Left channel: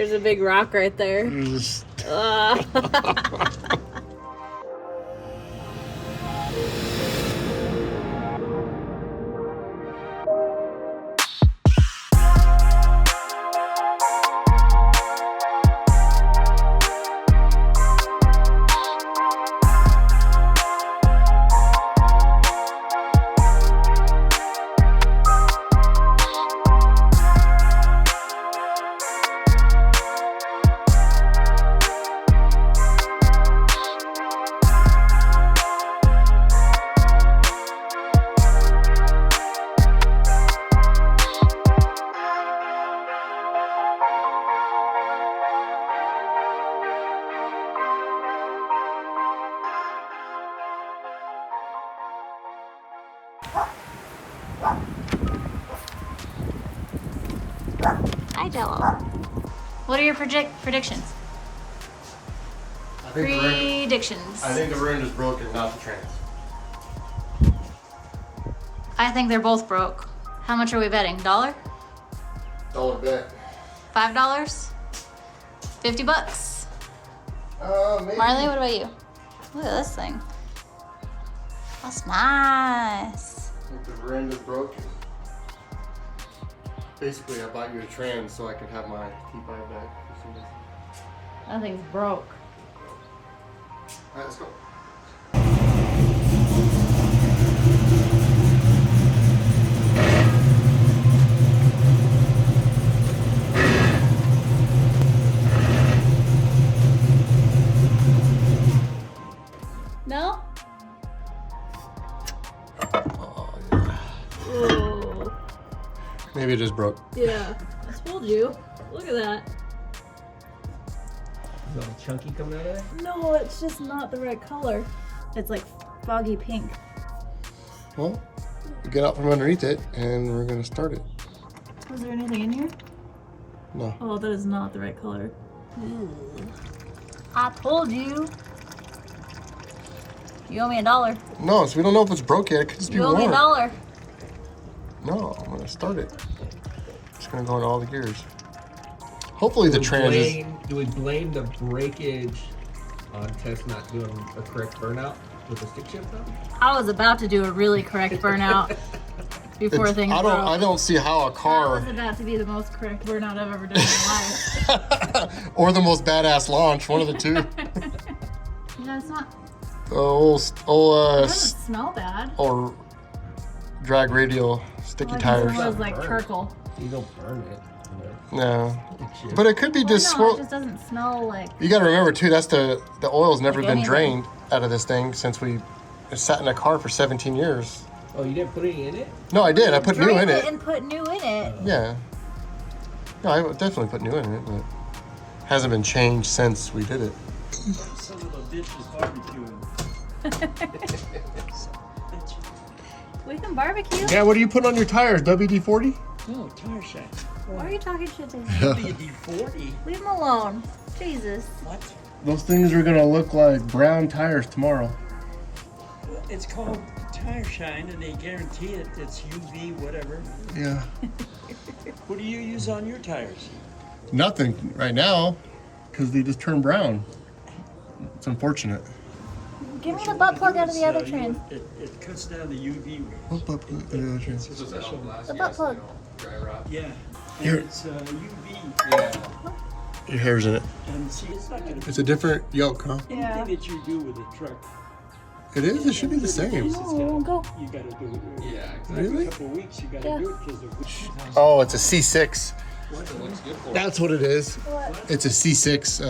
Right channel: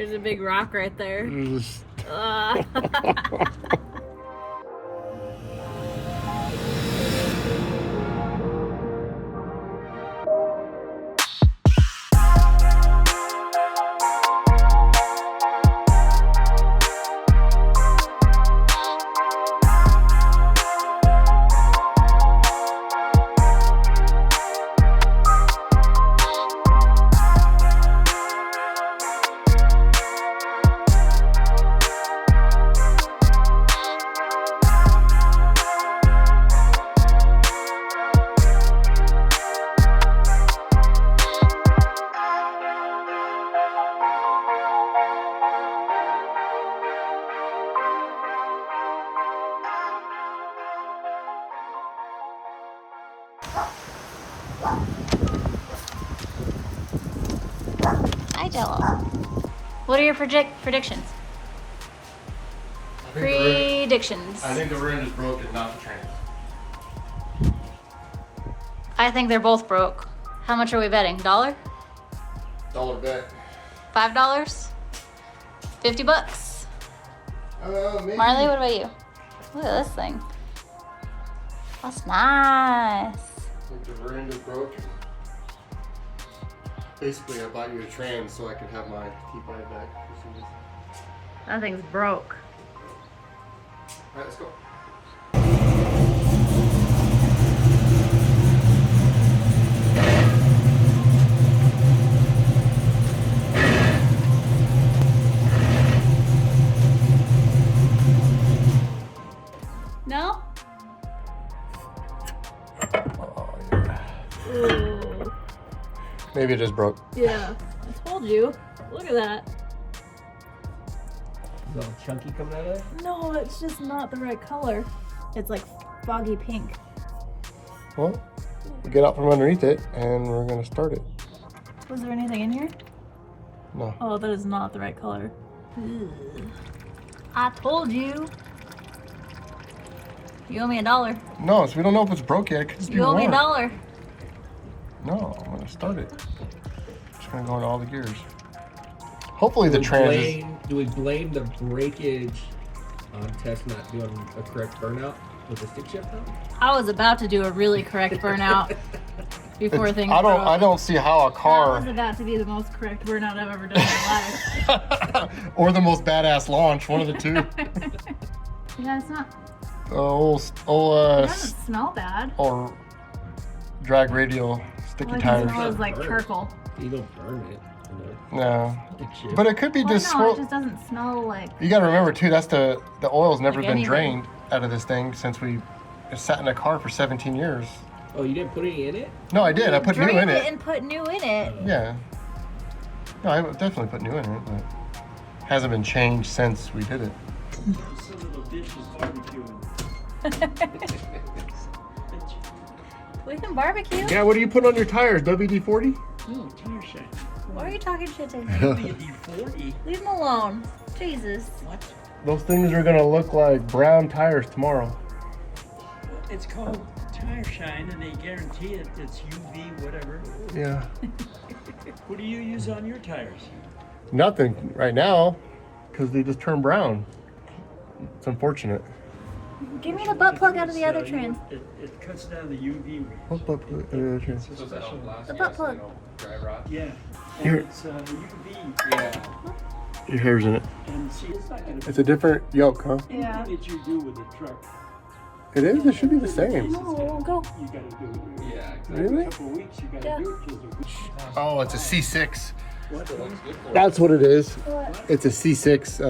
There's a big rock right there. Just... Hi, Jello. What are your predictions? Predictions. I think the ring is broken, not the trans. I think they're both broke. How much are we betting? $1? Dollar bet. $5? $50? Maybe. Marley, what about you? Look at this thing. That's nice. I think the ring is broken. Basically, I bought you a trans so I can have my T5 back. That thing's broke. Alright, let's go. No? Oh, yeah. Ooh. Maybe it just broke. Yeah, I told you. Look at that. Is it all chunky coming out of there? No, it's just not the right color. It's like foggy pink. Well, we'll get out from underneath it and we're gonna start it. Was there anything in here? No. Oh, that is not the right color. Ugh. I told you. You owe me $1. No, so we don't know if it's broke yet. It could just be You owe me warm. $1. No, I'm gonna start it. Just gonna go in all the gears. Hopefully the trans is... Do we blame the breakage on Tess not doing a correct burnout with the stick shift though? I was about to do a really correct burnout before things broke. I don't see how a That car was about to be the most correct burnout I've ever done in my life. or the most badass launch, one of the two. Yeah, it's not. It It doesn't smell bad. or drag radial sticky Like, tires. It smells like charcoal. You don't burn it. No, Stick shift. but it could be Well, just no, it swirl. just doesn't smell like. You got to remember too. That's the oil's never Like been anything. drained out of this thing since it sat in a car for 17 years. Oh, you didn't put any in it? No, I did. I put new in Drained it. and put new in it. Yeah. No, I definitely put new in it, but hasn't been changed since we did it. Some of the bitch was barbecuing. We can barbecue. Yeah, what do you put on your tires? WD-40? Oh, tire shot. Why are you talking shit to me? WD-40? Leave him alone. Jesus. What? Those things are gonna look like brown tires tomorrow. Well, it's called tire shine, and they guarantee it. It's UV, whatever. Yeah. What do you use on your tires? Nothing right now, because they just turn brown. It's unfortunate. Give me the butt plug out of the other You- trans. It cuts down the UV rays. What butt plug? Yeah, okay. It's a special. The butt plug. Yeah. And Here. it's UV. Your hair's in it. And see, it's not going to It's a different yoke, huh? Yeah. anything that you do with a truck. It is? It should be the same. No, it won't go. You got to do it. Yeah, Really? Every couple of weeks, you got to Yeah. do it because the Oh, it's a C6. what? That's what it is. What? It's a C6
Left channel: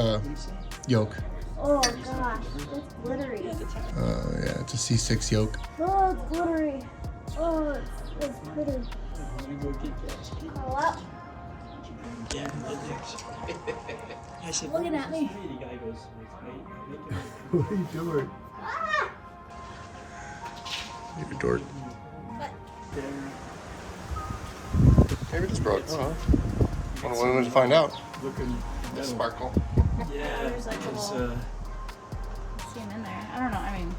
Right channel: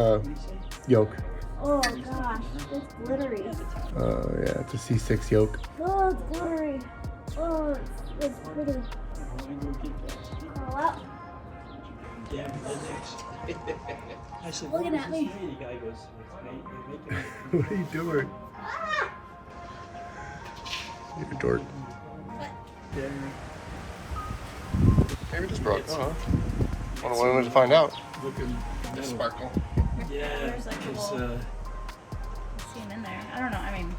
yoke. Oh gosh, it's glittery. Yeah, it's a C6 yoke. Oh, it's glittery. Oh, it's glittery. Oh, well, Yeah, I said, Looking "What at was me. this made?" The guy goes, "It's made- making it." What are you doing? You're a dork. Maybe it just broke. I don't know. Wanted to find out. Looking metal. Sparkle. Yeah, There's like a it's, little- see him in there. I don't know. I mean,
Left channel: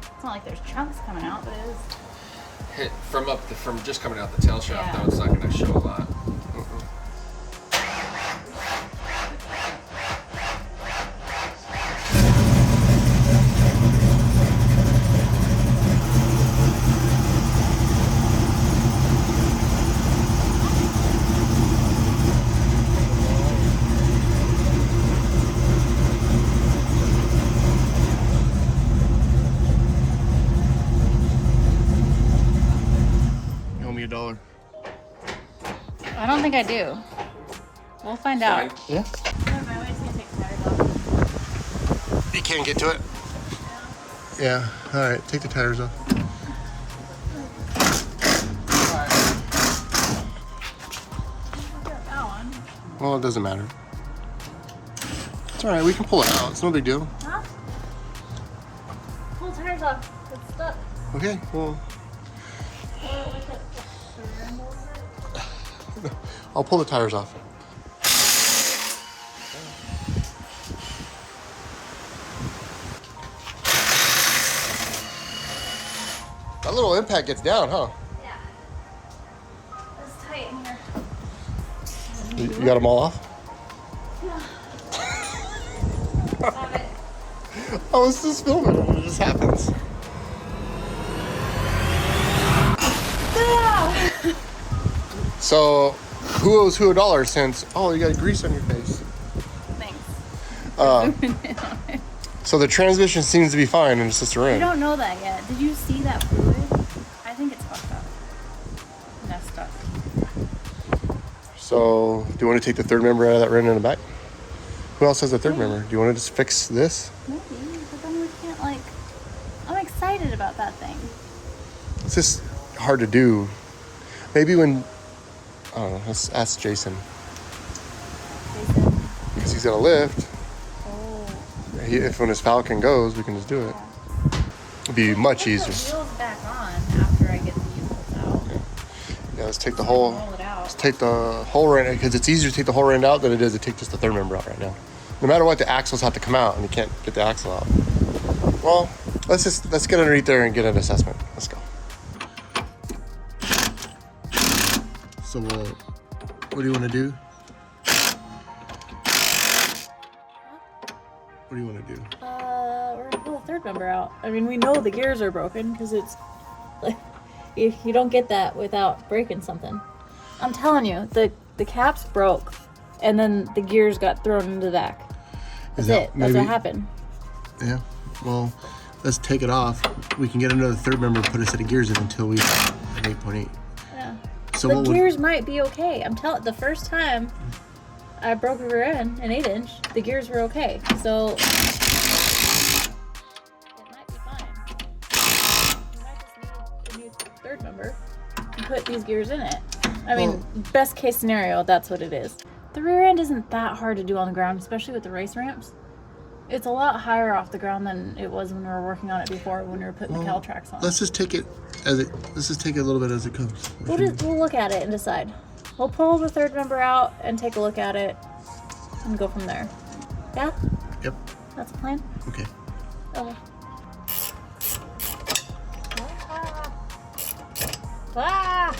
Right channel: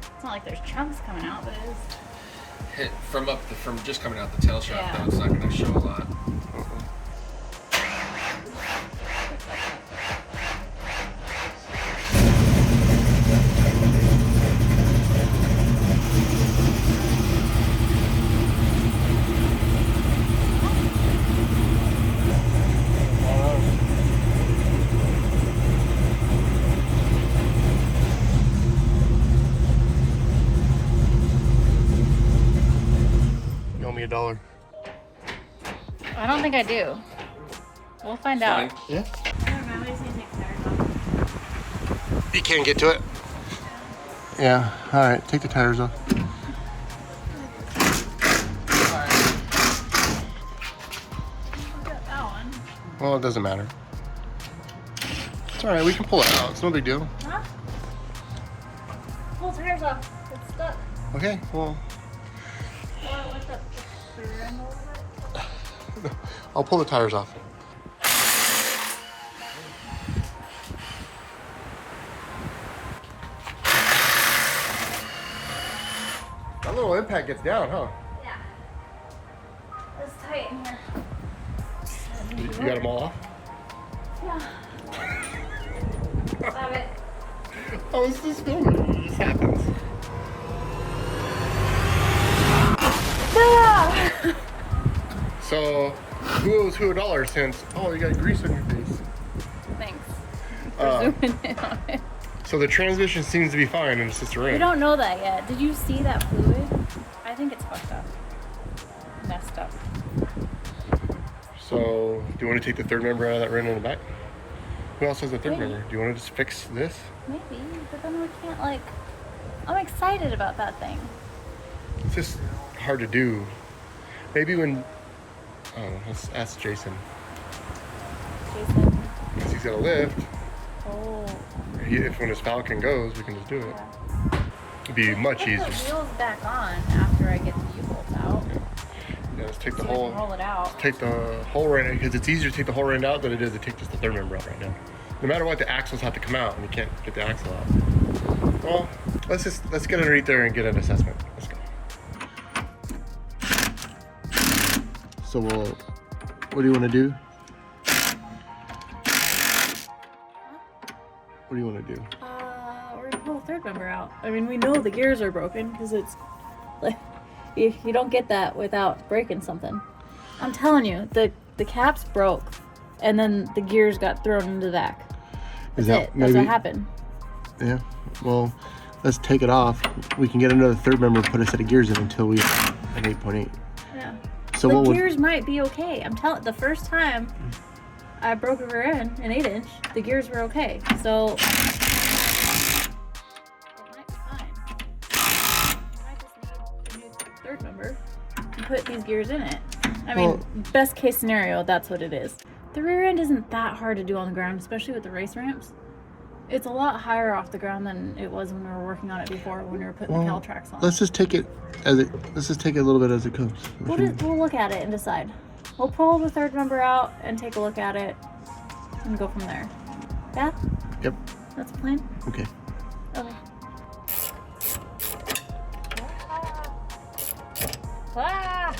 it's not like there's chunks coming out, but it is. Hit from just coming out the tail shaft, Yeah. though, it's not going to show a lot. think I do. We'll find out. Yeah. Never mind, we just need to take the tires off. You can't get to it. Yeah. All right. Take the tires off. That one. Well, it doesn't matter. It's all right. We can pull it out. It's no big deal. Huh? Pull tires off. It's stuck. Okay. Well, Lift up the rim a little bit. I'll pull the tires off. That little impact gets down, huh? Yeah. It's tight in here. You got them all off? Yeah. Love it. I was just filming. It just happens. Booyah! So, who owes who $1 since? Oh, you got grease on your face. Thanks. Uh, Zooming in on it. So the transmission seems to be fine, and it's just a We rim. don't know that yet. Did you see that fluid? I think it's fucked up. Messed up. So, do you want to take the third member out of that rim in the back? Who else has the third Maybe. member? Do you want to just fix this? Maybe, but then we can't like. I'm excited about that thing. It's just hard to do. Maybe when, I don't know, let's ask Jason. Jason. Because he's going to lift. Oh. If when his Falcon goes, we can just do it. Yeah. It'd be much Put easier. the wheels back on after I get the U-bolts out. Yeah, let's take the So I can whole, roll it out. let's take the whole end, because it's easier to take the whole end out than it is to take just the third member out right now. No matter what, the axles have to come out, and you can't get the axle out. Well, let's get underneath there and get an assessment. Let's go. So what do you want to do? What do you want to do? We're gonna pull the third member out. I mean, we know the gears are broken because it's like you don't get that without breaking something. I'm telling you, the caps broke, and then the gears got thrown into the back. That's it. That's what happened. Yeah. Well, let's take it off. We can get another third member and put a set of gears in until we have an 8.8. Yeah. So The what would, gears might be okay. I'm telling. The first time I broke a rear end, an 8-inch, the gears were okay. So it might be fine. We might just need a new third member and put these gears in it. I mean, best case scenario, that's what it is. The rear end isn't that hard to do on the ground, especially with the race ramps. It's a lot higher off the ground than it was when we were working on it before, when we were putting the Caltrax on. let's just take it as it. Let's just take it a little bit as it comes. We'll look at it and decide. We'll pull the third member out and take a look at it and go from there. Yeah? Yep. That's the plan? Okay. Okay. Ah!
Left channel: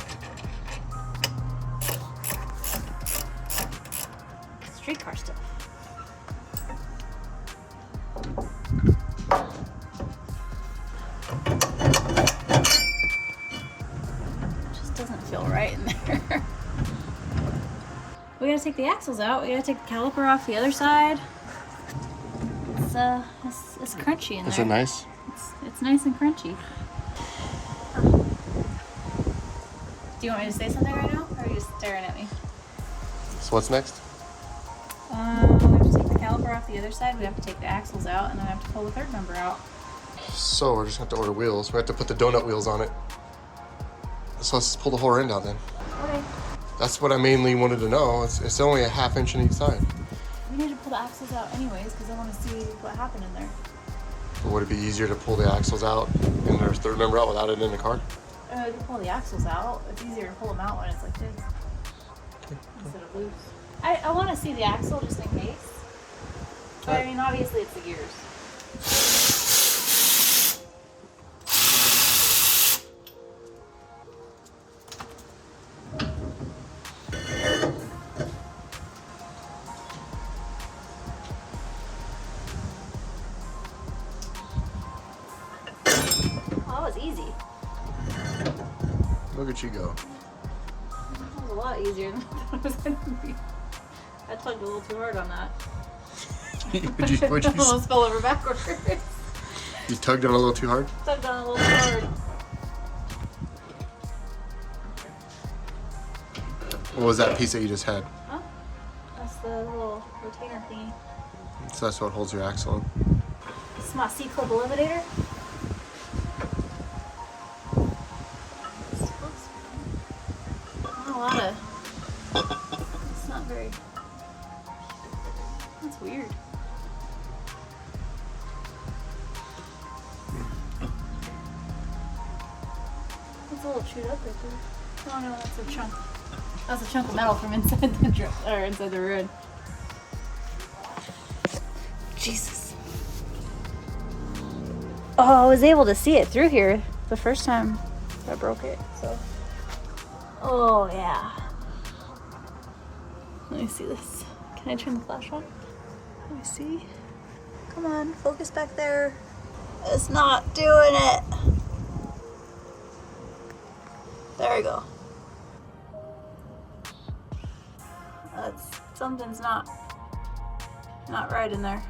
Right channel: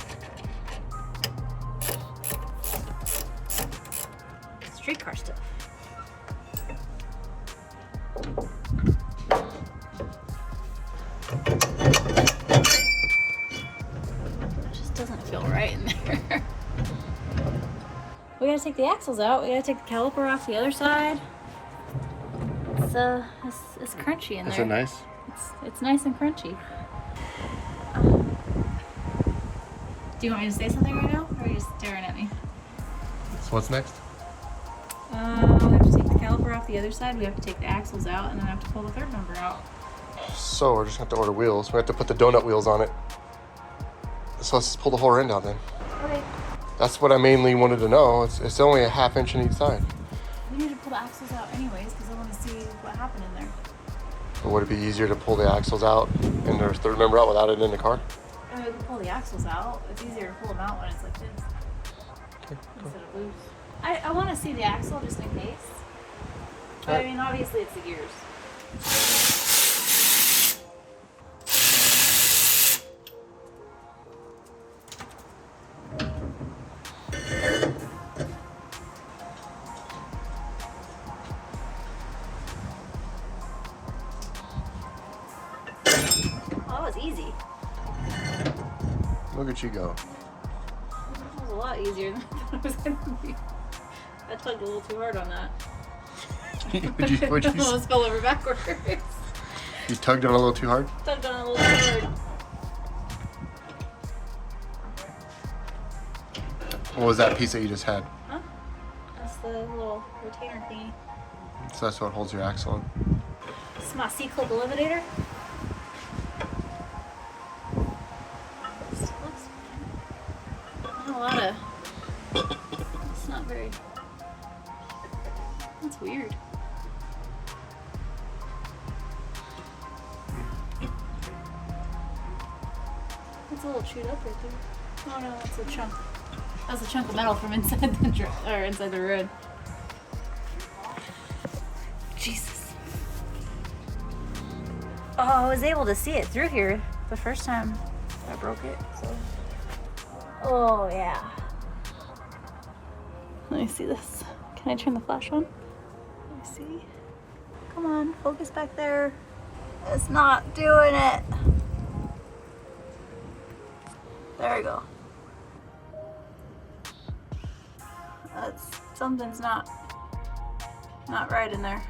Streetcar stuff. It just doesn't feel right in there. We gotta take the axles out. We gotta take the caliper off the other side. It's crunchy in there. Is it nice? It's nice and crunchy. Do you want me to say something right now, or are you just staring at me? So what's next? We have to take the caliper off the other side. We have to take the axles out, and then I have to pull the third member out. So we're just gonna have to order wheels. We have to put the donut wheels on it. So let's pull the whole end out then. Okay. That's what I mainly wanted to know. It's only a ½ inch on each side. We need to pull the axles out anyways, because I want to see what happened in there. But would it be easier to pull the axles out and their third member out without it in the car? We can pull the axles out. It's easier to pull them out when it's like this instead of loose. I want to see the axle just in case. But I mean, obviously it's the gears. Oh, that was easy. Look at you go. That was a lot easier than I thought it was going to be. I tugged a little too hard on that. Would you, I almost fell over backwards. you tugged on it a little too hard? Tugged on a little hard. What was that piece that you just had? Huh? That's the little retainer thingy. So that's what holds your axle in. This is my C-clip eliminator. This looks not a lot of. It's not very. That's weird. It's a little chewed up right there. Oh no, that's a chunk. That's a chunk of metal from inside inside the road. Jesus. Oh, I was able to see it through here the first time I broke it, so. Oh yeah. Let me see this. Can I turn the flash on? Let me see. Come on, focus back there. It's not doing it. There we go. Something's not right in there.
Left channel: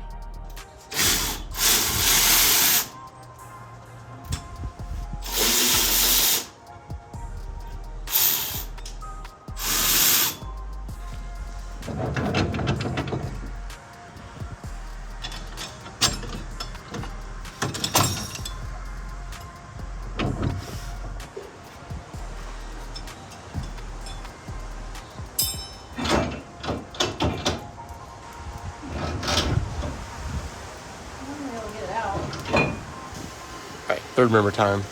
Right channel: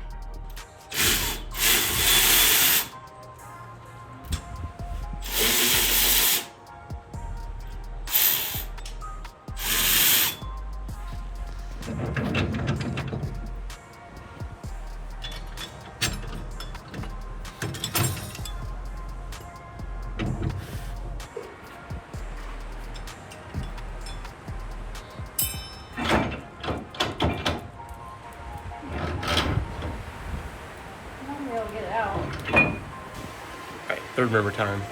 Alright, third member time.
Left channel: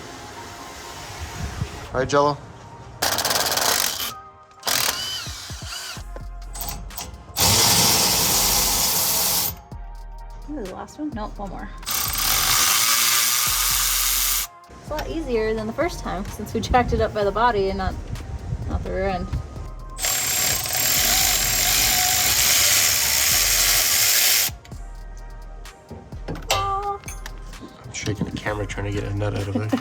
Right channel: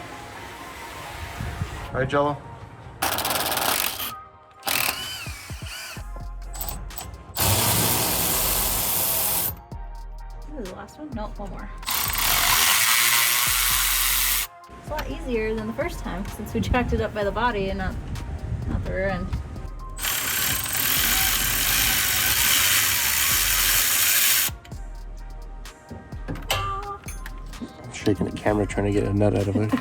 Alright, Jello? This is the last one? Nope, one more. It's a lot easier than the first time since we jacked it up by the body and not the rear end. I'm shaking the camera trying to get a nut out of it.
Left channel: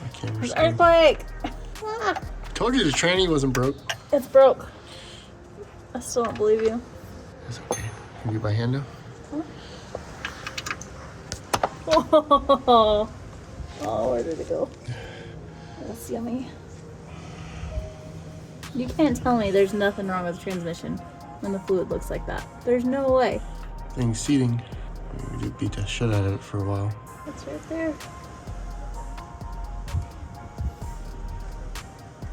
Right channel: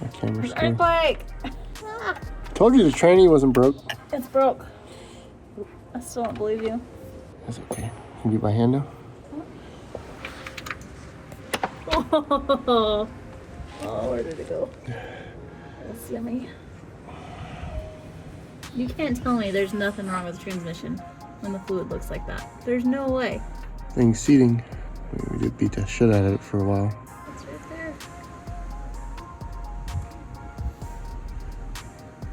My camera's still... Earthquake! Told you the tranny wasn't broke. It's broke. I still don't believe you. That's okay. Can you beat my hand now? Oh, where did it go? That's yummy. You can't tell me there's nothing wrong with the transmission when the fluid looks like that. There's no way. Thing's seating. We did beat the shit out of it for a while. It's right there.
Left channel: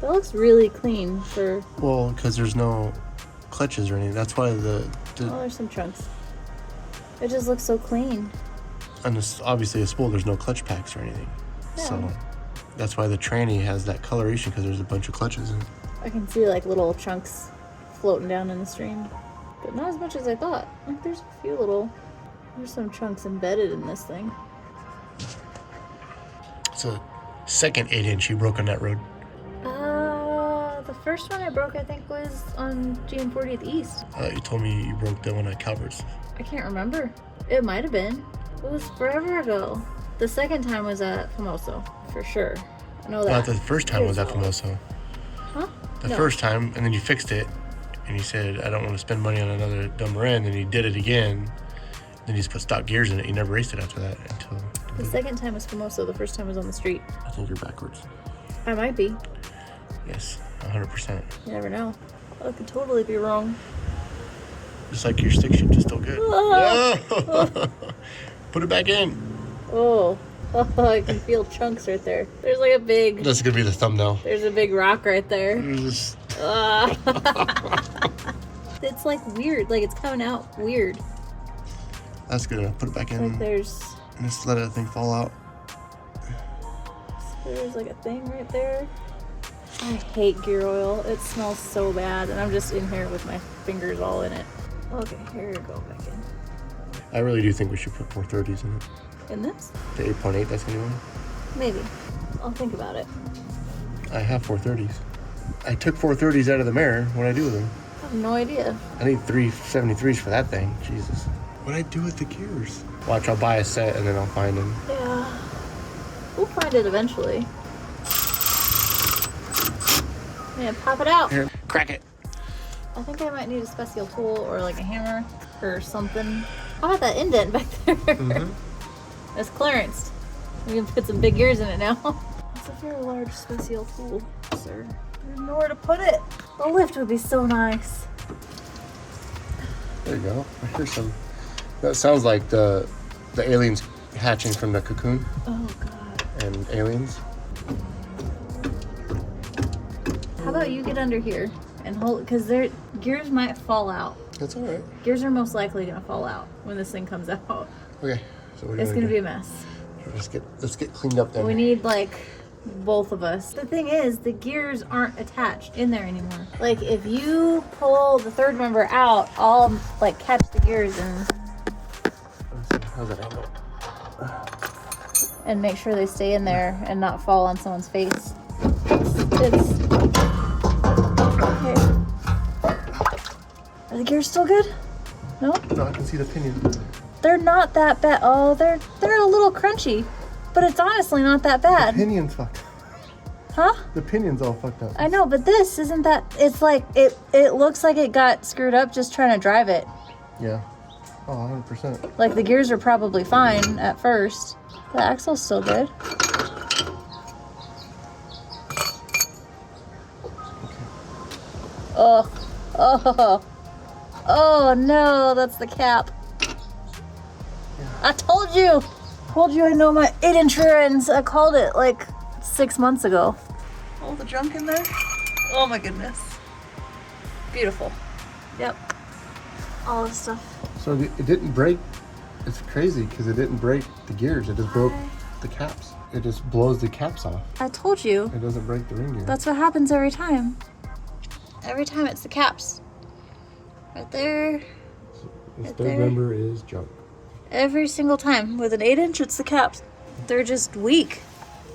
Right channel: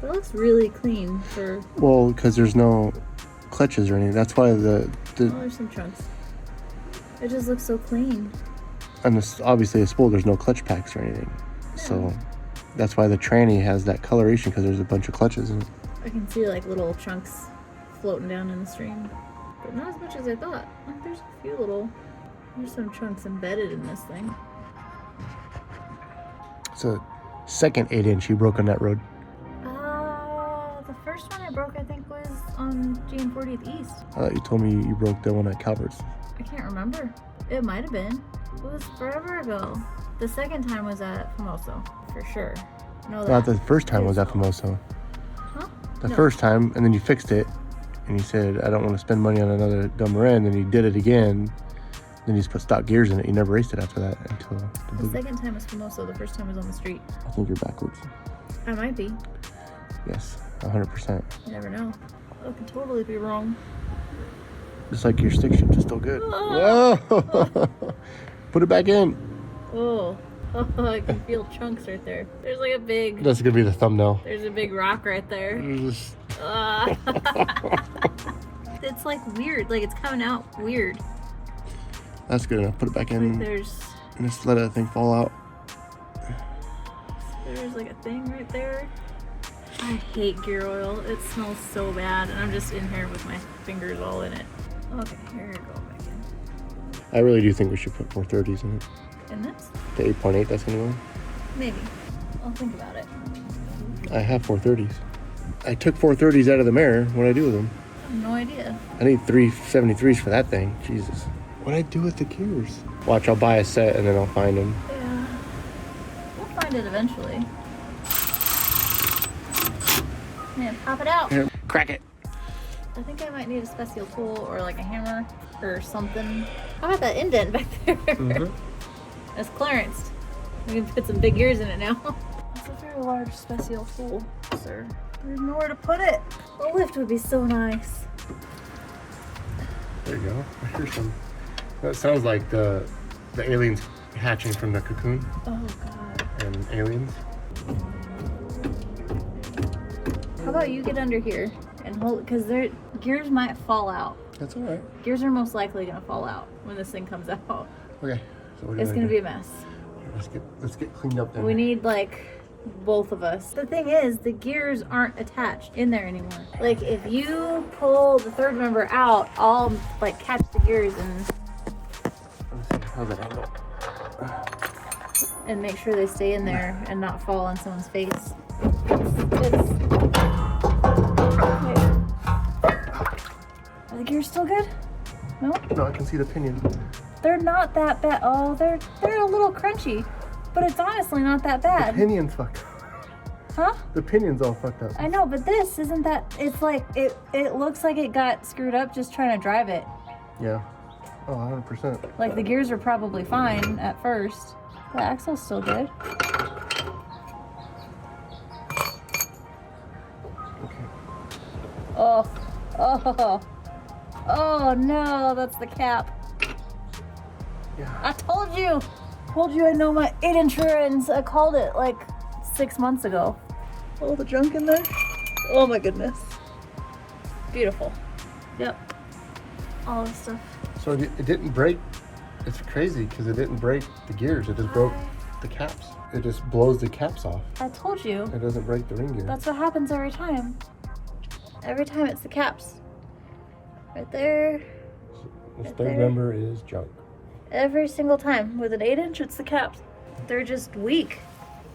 That looks really clean for... Well, because there's no clutches or anything. That's why Oh, there's some chunks. It just looks so clean. And this, obviously a spool, there's no clutch packs or anything. Yeah. So that's why the tranny has that coloration, because there's a bunch of clutches in it. I can see like little chunks floating down in the stream. But not as much as I thought. Like there's a few little... There's some chunks embedded in this thing. It's a second 8-inch you broke on that road. The first one I broke I think was on GM 40th East. You told me you broke the one at Calvert's. I can't remember. It might have been. It was forever ago. The second time was at Famoso, for sure. I know that. Well, the first time was at Famoso. Huh? The No. first time, and then you fixed it, and you said, I don't want to spend money on another dumb end, and you did it again. Then you just put stock gears in it. You never raced it after that until... The second time was Famoso. The first time was on the street. I think you're backwards. I might be. Yes, 100%. You never know. I could totally be wrong. Just like your stick shift is still good. Whoa! Put it back in. Oh, I can feel chunks right there. There's like a big... That's gonna be the thumbnail. There's a big rock right there. Just... It's like weird. Like it's coming out weird. That's good enough. Put it back in. Like there's And just let that thing fall out. like a thing right there. I hate gear oil. It smells so bad, and I'm just in here with my fingers all in it. Okay, here we go back in. I really do think we should put 430s in it. In this? The 8.8, that's gonna go. Maybe. I'll think about it. I have 430s. I took 430s out of the mirror. What'd I do with them? I have no idea. I need 373s for that thing. Jesus. What'd I do with the gears? Watch, I'll buy a set and then I'll find them. Yeah. We'll find it eventually. Man, pop it out. Here, crack it. I think I might need a special tool or like a hammer or something. How about that indent back there? Mm-hmm. That's clearanced. We can put some big gears in it now. That's a very large special tool, sir. There's nowhere to put it. A lift would be so nice. There you go. Here's some. That sounds like the aliens hatching from the cocoon. Oh god. And aliens. How about you get under here and hold it, because their gears might fall out. That's all right. Gears are most likely gonna fall out when this thing comes out. Okay. So what do you It's want gonna to be do? a mess. Let's get cleaned up then. We need like both of us. The thing is, the gears aren't attached in there anymore. Like if you pull the third member out, I'll like catch the gears and make sure they stay in there and not fall on someone's face. It's okay. Are the gears still good? No? No, I can see the pinion. They're not that bad. Oh, they're a little crunchy, but it's honestly not that The bad. pinion's fucked up. Huh? The pinion's all fucked up. I know, but this isn't that. It's like it looks like it got screwed up just trying to drive it. Yeah. Oh, 100%. Like the gears are probably fine at first. The axle's still good. Okay. Oh no, that's the cap. Yeah. I told you I know my 8-inch rear ends. I called it like 6 months ago. All the junk in there. Oh my goodness. Beautiful. Yep. All this stuff. So it didn't break. It's crazy because it didn't break the gears. It just broke the caps. It just blows the caps off. I told you. It doesn't break the ring gear. That's what happens every time. Every time it's the caps. Right there. This right third there. member is junk. Every single time. With an 8-inch, it's the caps. They're just weak.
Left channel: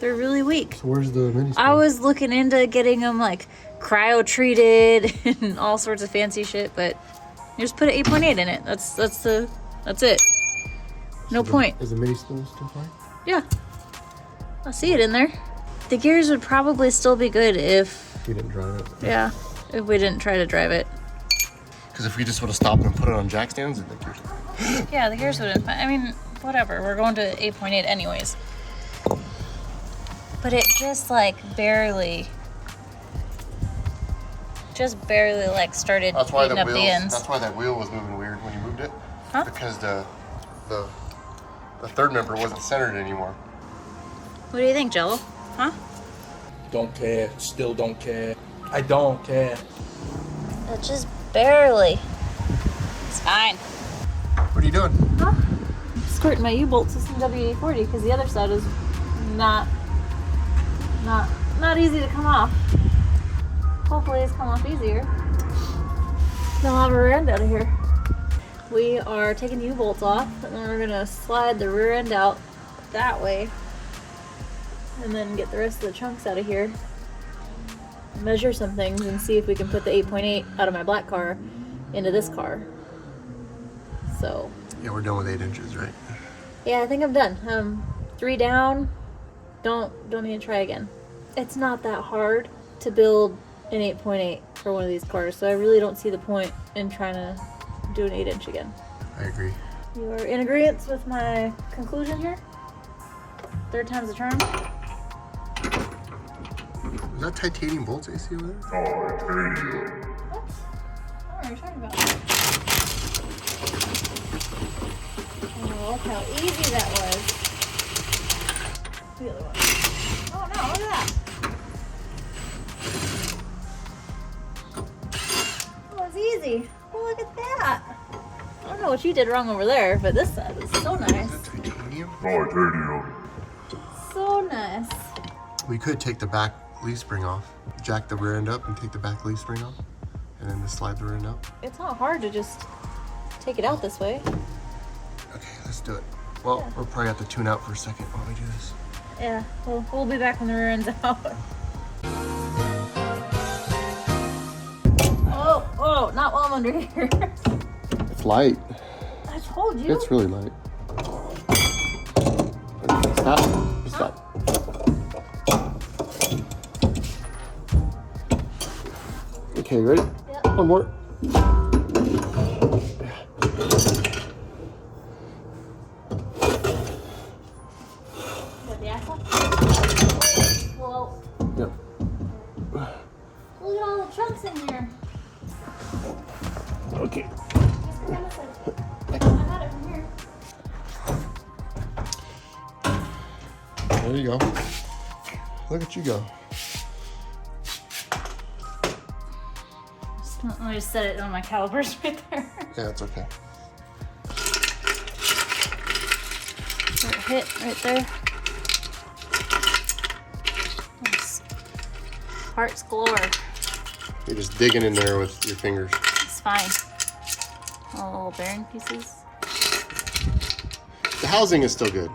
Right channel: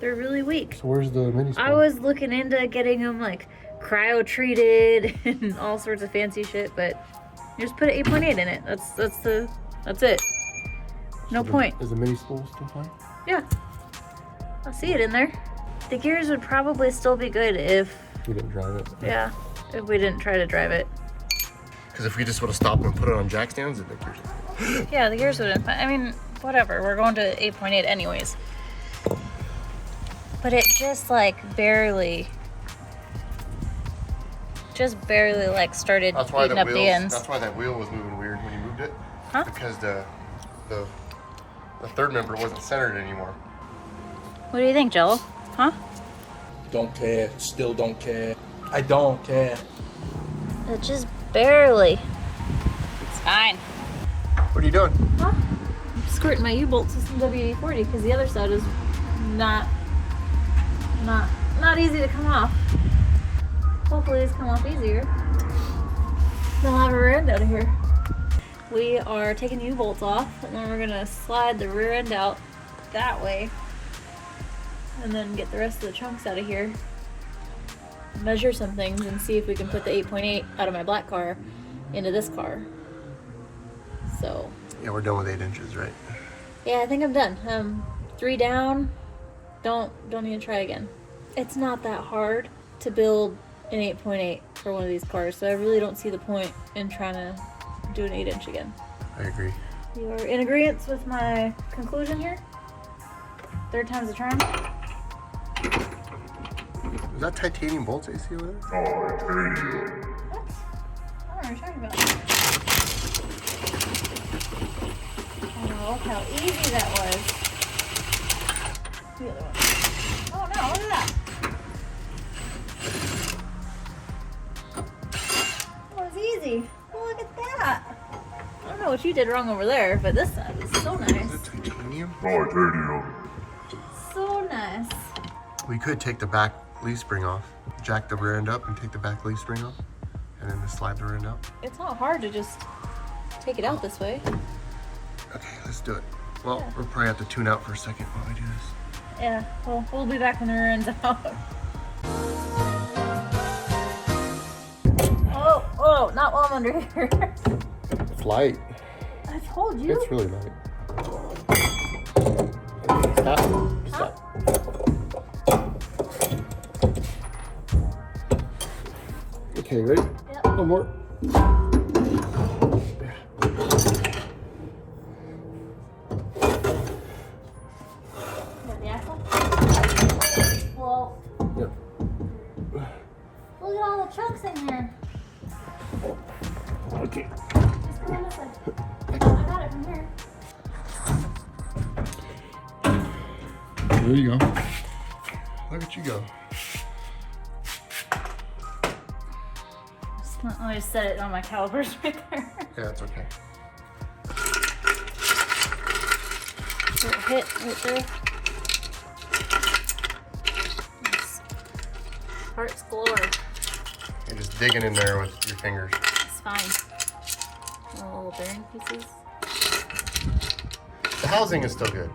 They're really weak. So where's the mini spool? I was looking into getting them like cryo treated and all sorts of fancy shit, but you just put an 8.8 in it. That's it. No point. Is the mini spool still fine? Yeah. I see it in there. The gears would probably still be good if, We didn't drive it. yeah, if we didn't try to drive it. Because if we just would have stopped and put it on jack stands, the gears. Yeah, the gears wouldn't. I mean, whatever. We're going to 8.8 anyways. But it just like barely like started That's why eating up the ends. That's why that wheel was moving weird when you moved it. Huh? Because the third member wasn't centered anymore. What do you think, Jello? Huh? Don't care. Still don't care. I don't care. It just barely. It's fine. What are you doing? Huh? Squirting my U-bolt system WD-40 because the other side is not easy to come off. Hopefully it's come off easier. Then I'll have a rear end out of here. We are taking the U-bolts off and then we're gonna slide the rear end out that way and then get the rest of the chunks out of here. Measure some things and see if we can put the 8.8 out of my black car into this car. So Yeah, we're done with 8 inches, right? yeah, I think I'm done. 3 down. Don't need to try again. It's not that hard to build an 8.8 for one of these cars, so I really don't see the point in trying to do an 8-inch again. I agree. You are in agreement with my conclusion here? Third time's a charm? Is that titanium bolts AC over there? What? I don't know what you're talking about. Oh, look how easy that was. The other one. Oh no, look at that. Oh, it's easy. Oh, look at that. I don't know what you did wrong over there, but this side is so nice. Is that titanium? So nice. We could take the back leaf spring off, jack the rear end up and take the back leaf spring off, and then just slide the rear end up. It's not hard to just take it out this way. Okay, let's do it. Well, we'll probably have to tune out for a second while we do this. Yeah, well, we'll be back when the rear end's out. Oh, not while I'm under here. It's light. I told you. It's really light. Stop. Stop. Okay, ready? Yep. One more. What, the axle? Well, Yep. Put it on this side. I got it from here. There you go. Look at you go. Let me just set it on my calipers right there. Yeah, it's okay. So it hit right there. Nice. Hearts galore. You're just digging in there with your fingers. It's fine. All little bearing pieces. The housing is still good.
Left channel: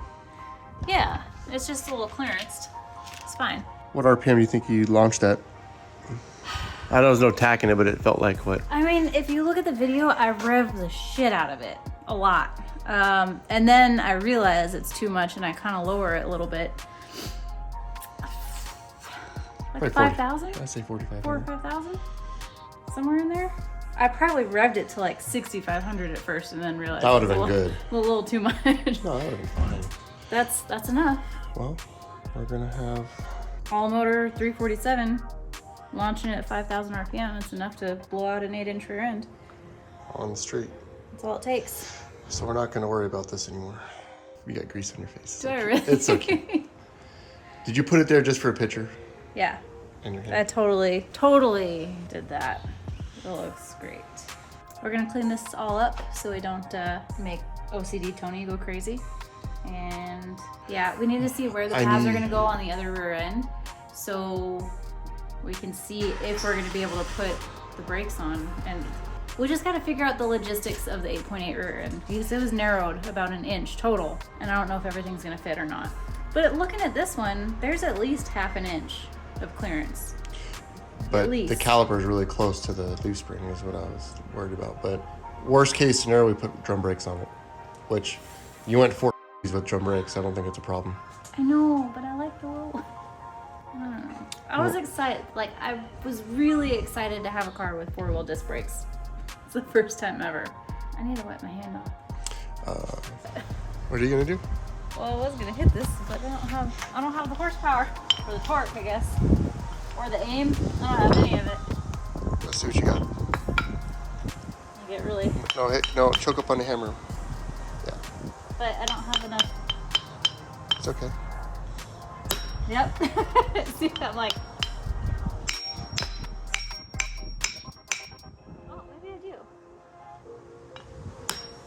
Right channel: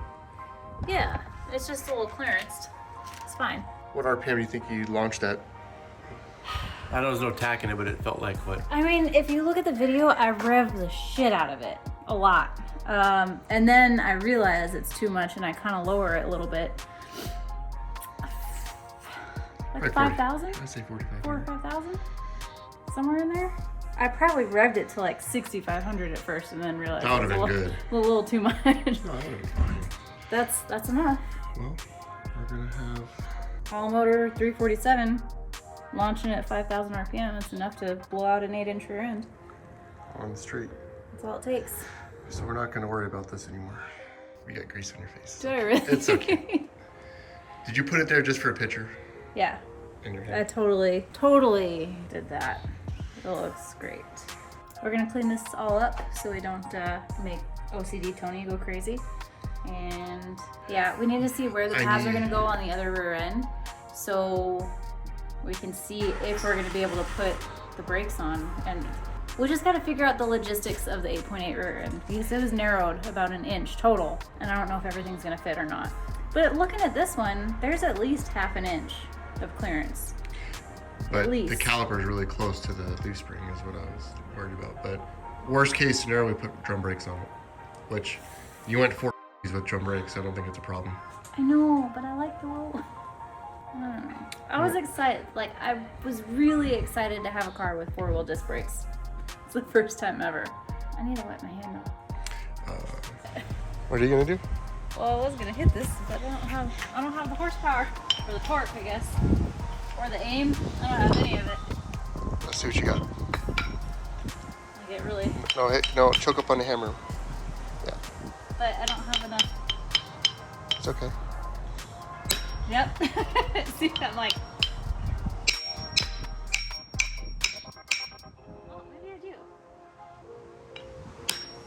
Yeah, it's just a little clearanced. It's fine. What RPM do you think you launched at? I know there's no tack in it, but it felt like what? I mean, if you look at the video, I revved the shit out of it. A lot. And then I realize it's too much and I kind of lower it a little bit. Like 5,000? I say 45. 4,000 or 5,000? Somewhere in there? I probably revved it to like 6,500 at first and then realized That would have it been was good. a little too much. No, that would have been fine. That's enough. Well, we're gonna have. All motor 347, launching it at 5,000 RPM. It's enough to blow out an 8-inch rear end. On the street. That's all it takes. So we're not gonna worry about this anymore. You got grease on your face. Do I really? It's okay. Did you put it there just for a picture? Yeah. In your I head? totally did that. It looks great. We're gonna clean this all up so we don't make OCD Tony go crazy. And yeah, we need to see where the pads are gonna go on the other rear end so we can see if we're gonna be able to put the brakes on. And we just gotta figure out the logistics of the 8.8 rear end because it was narrowed about an inch total. And I don't know if everything's gonna fit or not. But looking at this one, there's at least half an inch of clearance. But least. the caliper is really close to the leaf spring is what I was worried about. But worst case scenario, we put drum brakes on it, which you went 4 with drum brakes. I don't think it's a problem. I know, but I like the little, I don't know. I was excited, like I was really excited to have a car with 4-wheel disc brakes. It's the first time ever. I need to wipe my hand off. What are you gonna do? Well, I was gonna hit this, but I don't have the horsepower, or the torque, I guess. Or the aim, I don't have any of it. Let's see what you got. I get really, No, hey, no, choke up on the hammer. Yeah, but I don't have enough. it's okay. Yep. See, I'm like, oh, maybe I do.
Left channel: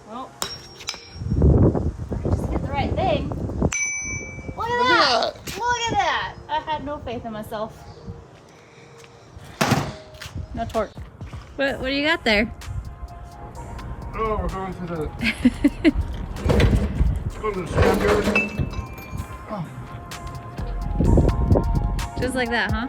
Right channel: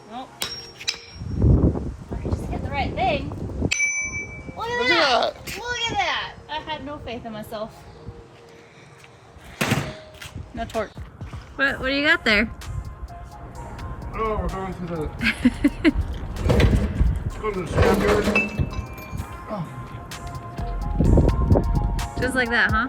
Well, I just hit the right thing. Look at that! Look at that! I had no faith in myself. No torque. What do you got there? Oh, we're going to the. Let's go to the scrapyard. Just like that, huh?